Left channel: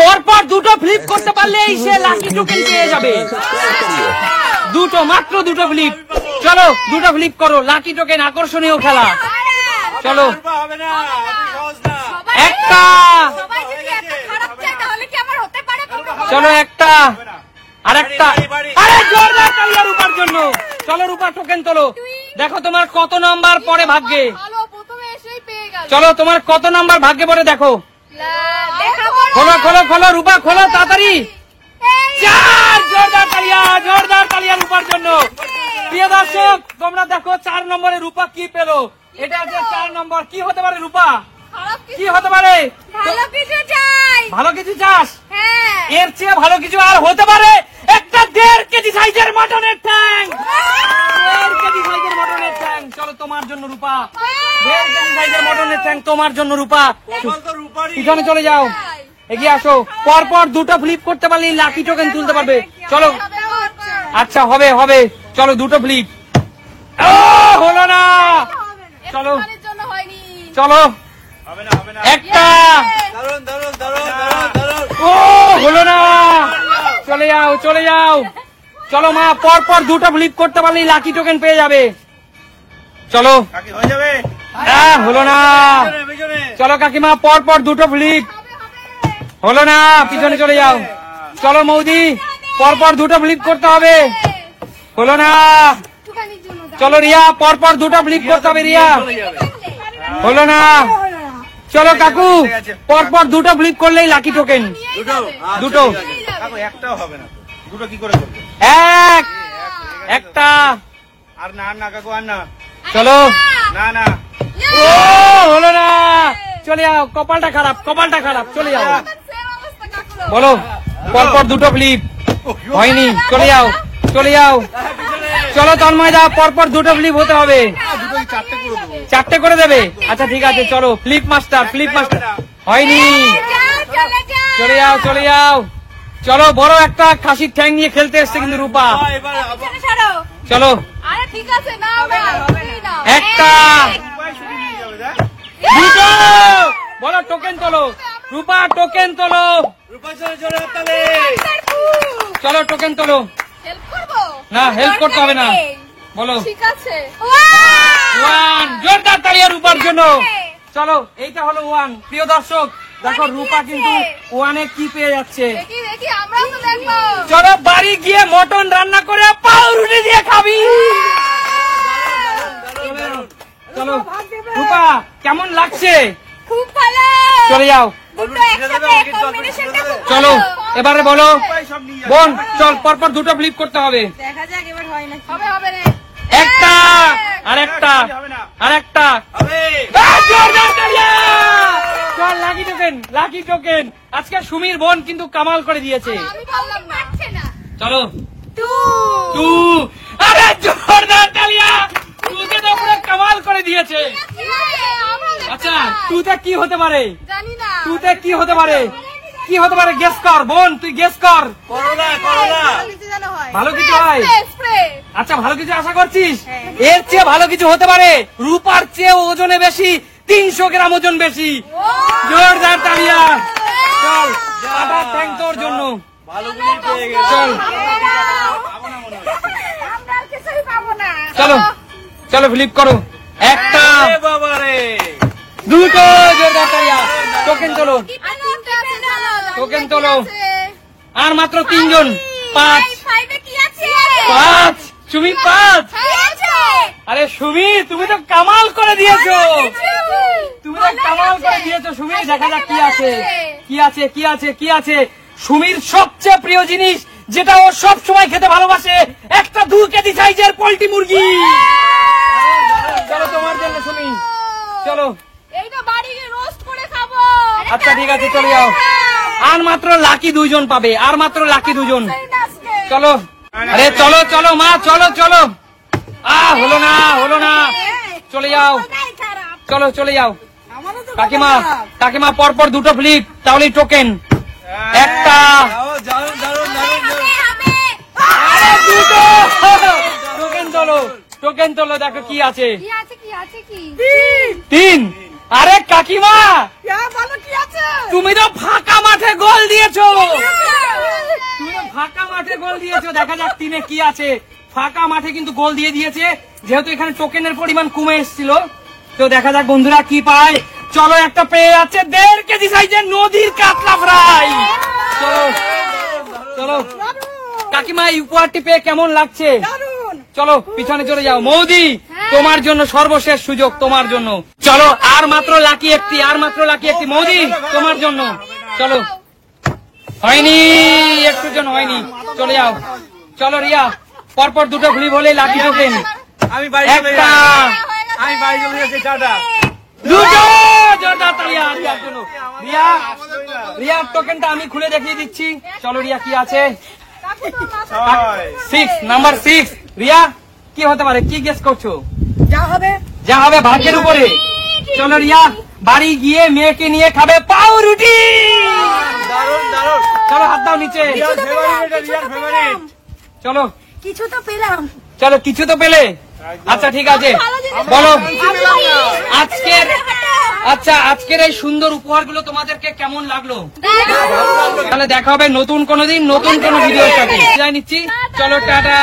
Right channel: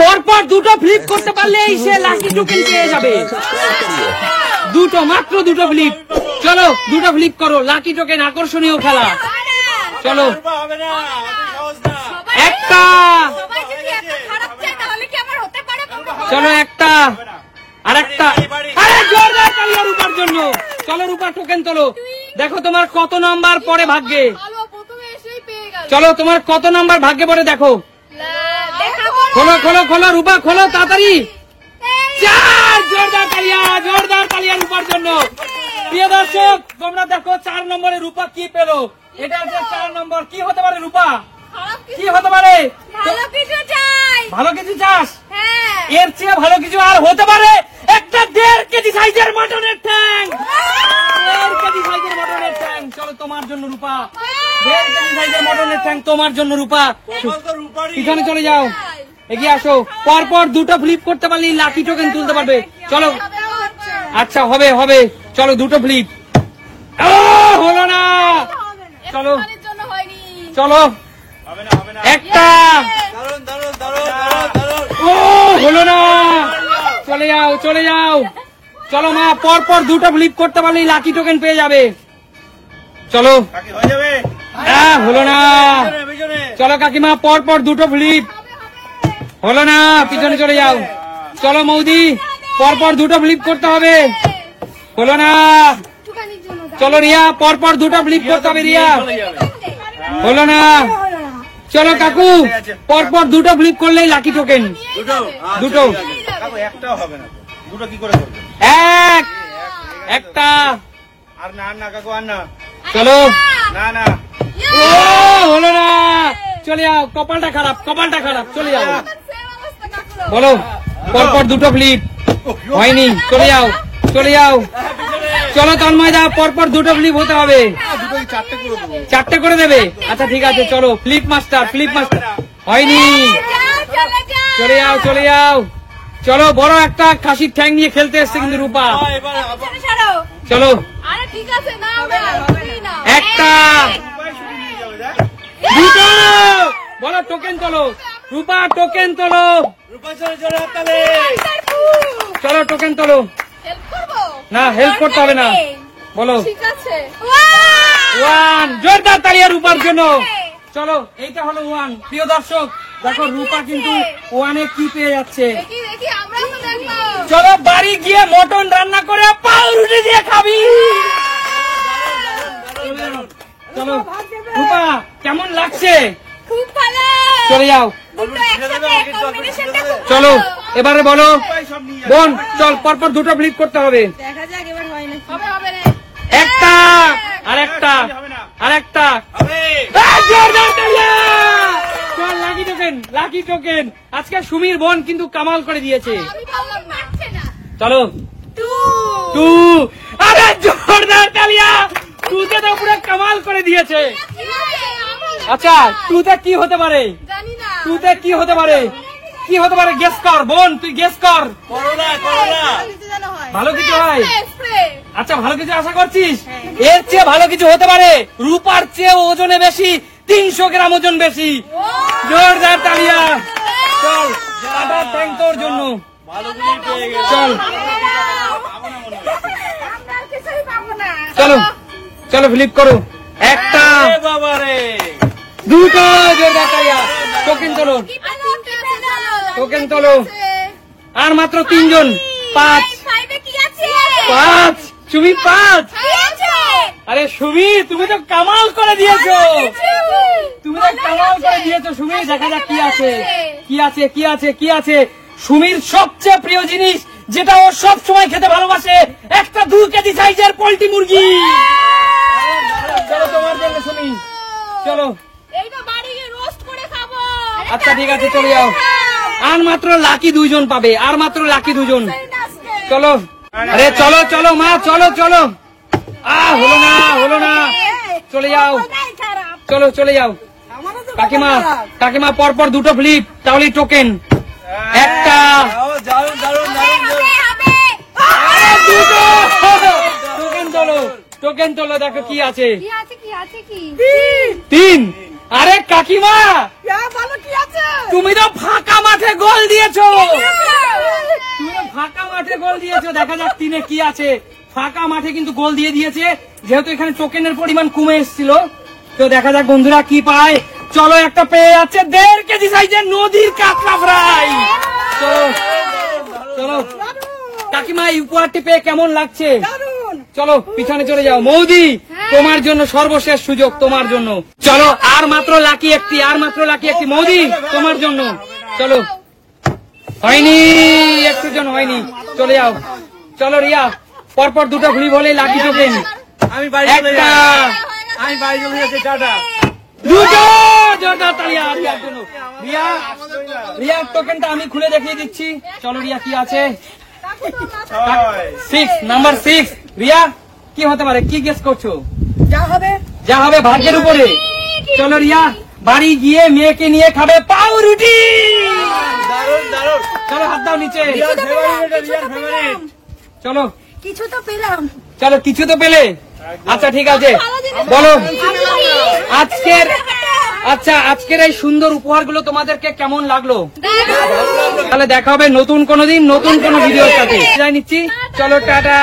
পরপর দুটো ফ্লিপ করতে পারলে সে লাকি টোকেন পেয়ে যাবে। দুটো, মাত্র দুটো ফ্লিপ। চলো দুটো ফ্লিপ করো, লাকি টোকেন, আকর্ষণীয় খেলা। চলো একটা, চলো একটা, আর একটা, আরে জোরদার তালিয়া রূপার জন্য। চলো রূপা টোকেন তোলো, দেখো তোমার কত নাম্বার পরে ভাগ্যে। চলো তোমার কত নাম্বার ভাগ্যে পরে দেখো। খোলো খোলো খোলো রূপা, খোলো তাড়াতাড়ি। চার, জোরদার তালিয়া, জোরদার তালিয়া রূপার জন্য। প্রিয় দর্শক তোমরা দেখো 4 নম্বরে রূপা কি পেলো। এটা হচ্ছে 4 নম্বর। কি হতে পারে রূপা, কি হতে পারে? ভালো কিছু চাস? এর চেয়ে ভালো কিছু আর হতে পারে? একটা 1.5 কেজি সাইজের মটনের ঠ্যাং। 1.5 কেজি সাইজের মটনের ঠ্যাং। চলো তোমার জন্য রূপা, 1.5 কেজি সাইজের মটনের ঠ্যাং তোমার জন্য রূপা। পিছনে চলে যাও, এগিয়ে আসো। পরপর দুটো ফ্লিপ করতে পারলে লাকি টোকেন তুলতে পারবে। চলো আচ্ছা হবে হবে, চলো দুটো ফ্লিপ। হলো না, চলো চলো একটা, ও হলো না, চলে যাও চলে যাও। চলো মা, পরপর দুটো ফ্লিপ করতে পারলে লাকি টোকেন পেয়ে যাবে। চলো হলো না, চলো কাকিমা পরপর দুটো ফ্লিপ। হলো না, পিছনে চলে যাও। চলো মৌদি, পরপর দুটো ফ্লিপ করতে হবে। হলো না, চলো রিয়া, পরপর দুটো ফ্লিপ করতে হবে রিয়া। হলো না, চলো কাকু, পরপর দুটো ফ্লিপ করলেই লাকি টোকেন। দুটো, একটাও হবে না, দুটো কি করে করবে? একটা, আর না না কাকু, আর না। চলো না না, হলো না, চলে যাও। কপালটা খারাপ, কপালটা খারাপ, চলে যাও। বলো পরপর দুটো ফ্লিপ হয়নি, চলে যাও চলে যাও। চলো তন্ময় দা, পরপর দুটো ফ্লিপ হতে হবে। 4টে করে দেবে? আচ্ছা ঠিক আছে, চলো ফ্লিপ মাস্টার, ফ্লিপ মাস্টার। হয়নি, চলে যাও চলে যাও। চলো বড় একটা খাসির ঠ্যাং নিয়ে খেলতে এসছে কিন্তু রূপা। চলো একটা, দুটো, বলো টোকেন তোলো রূপা, টোকেন তোলো। চলো টোকেন তোলো। না হেল্প করতে হবে না, বলো। ওয়ান, জোরদার তালিয়া রূপার জন্য। চলো এইটা হলো 1। প্রিয় দর্শক দেখো রূপা কিন্তু 1-এ কি পেয়ে যাচ্ছে। চলো বাড়ি গিয়ে মটন রান্না করে পাউরুটি দিয়ে খাবি। চলো রূপা, কেমন লাগছে? খুব ভালো। চলে যাও, চলো এবারে বলো বোন, চল পরপর দুটো ফ্লিপ করতে হবে। দেখা যাক এবার হয় না। একটা, আর একটা, আর একটা। চল লাকি টোকেন, লাকি টোকেন। আজকে সুমির বোন কিন্তু কামাল করে দিয়েছে। চলো 2, আরে জোরদার তালিয়া, 2তে তো পুরো কামাল করে দিয়েছে। আচ্ছা 2তে কি হতে পারে? 2তে কি হতে পারে? কি হতে পারে? গেস কর বোন, তুই গেস কর। ভালো কিছু হয়? আচ্ছা ভালো কিছু আশা করছিস? এর চেয়ে ভালো কিছু হতে পারে। রূপার চেয়ে ওজনে বেশি, 300 গ্রাম ওজন বেশি। জোরদার তালিয়া। চল আটার ট্যাঙ্ক তোর জন্য। চল চলো চলো ফ্লিপ করো। একটা, দুটো, জোরদার তালিয়া। টোকেন তোলো, টোকেন তোলো। আর মাত্র 3 জন। 5, সুমি 5। আরে সুমি তুমি তো কামাল করে দিয়েছো, তুমি তো কামাল করে দিয়েছো সুমি। দেখা যাক কি আছে, কি আছে, কি আছে, কি আছে। সুমির সবচেয়ে প্রিয় জিনিস, যেটা ও সব সময় খেতে ভালোবাসে, একটা 2 কেজি সাইজের পোল্ট্রি মুরগি। চলো তোমার জন্য সুমি, চলো। আচ্ছা ঠিক আছে, চলে যাও। আর মাত্র লাকি 2 জন পাবে, আর মাত্র লাকি 2 জন। চলো, আরে চলো চলো মা, চলো চলো। হলো না, হলো না, চলে যাও। চলো চলে যাও। কাকিমা, কাকিমা পরপর দুটো ফ্লিপ, তাহলে টোকেন। একটা, দুটো, টোকেন তোলো, টোকেন তোলো। দেখো কি আছে। 3। আরে কাকিমা তুমি তো ফাঁকা মাঠে গোল দিয়ে দিয়েছো, তুমি ফাঁকা মাঠে গোল দিয়েছো। দেখা যাক তিনে কি আছে। ফাঁকা মাঠে কিন্তু গোল দিয়ে দিয়েছে, যেহেতু এখানে টোকেনের পরিমাণ কমে এসেছিল। তো দেখা যাক বন্ধুরা কি পায়। চলো একটা পেয়ে যাচ্ছে 1.5 কেজি সাইজের নদীর কাতলা ফ্রাই। চলো চলো কাকিমা, এই উপহারটি পেয়ে কেমন লাগছে? চলো পিছনে চলে যাও। মৌদি, তোমার জন্য সর্বশেষ সুযোগ, তোমার জন্য। চলো আর মাত্র লাকি একটি, আর মাত্র লাকি একটি। মৌদি তোমার জন্য। চলো, হয়নি, একটু জন হয়নি। চলে যাও। চলো রিয়া, পরপর দুটো ঘুরি বলে লাকি টোকেন। আমি বাড়ি চলে একটা, যাই, আমি বাড়ি চলে যাচ্ছি, টাটা। দুটো জোরদার তালি রিয়ার জন্য। রিয়া, রিয়ার টোকেনটা আমি খুলে দেখিয়ে দিচ্ছি। চলো রিয়া, কি আছে? 6, নাম্বার 6। রিয়া, কি হতে পারে? কি গেস করছো? যা হবে যা হবে ভাগ্যের উপরে। চলো রিয়া, বাড়ি গিয়ে মেয়েকে নিয়ে খাবে পাউরুটি। দারুণ দারুণ। চলো হাত দাও নিচে। রিয়ার ফেভারিট, রিয়ার ফেভারিট। চলো কিছু তো পেলাম। চলো, কিছু তো পেলে। আচ্ছা ঠিক আছে, বলো আজকের, আচ্ছা আজকের এই সুন্দর উপহারগুলো তোমাদেরকে কেমন লাগলো? তাহলে দেখা হবে নতুন কোনো দিন, নতুন কোনো ভিডিওর সাথে। বিদায় নিচ্ছি, চলো টাটা।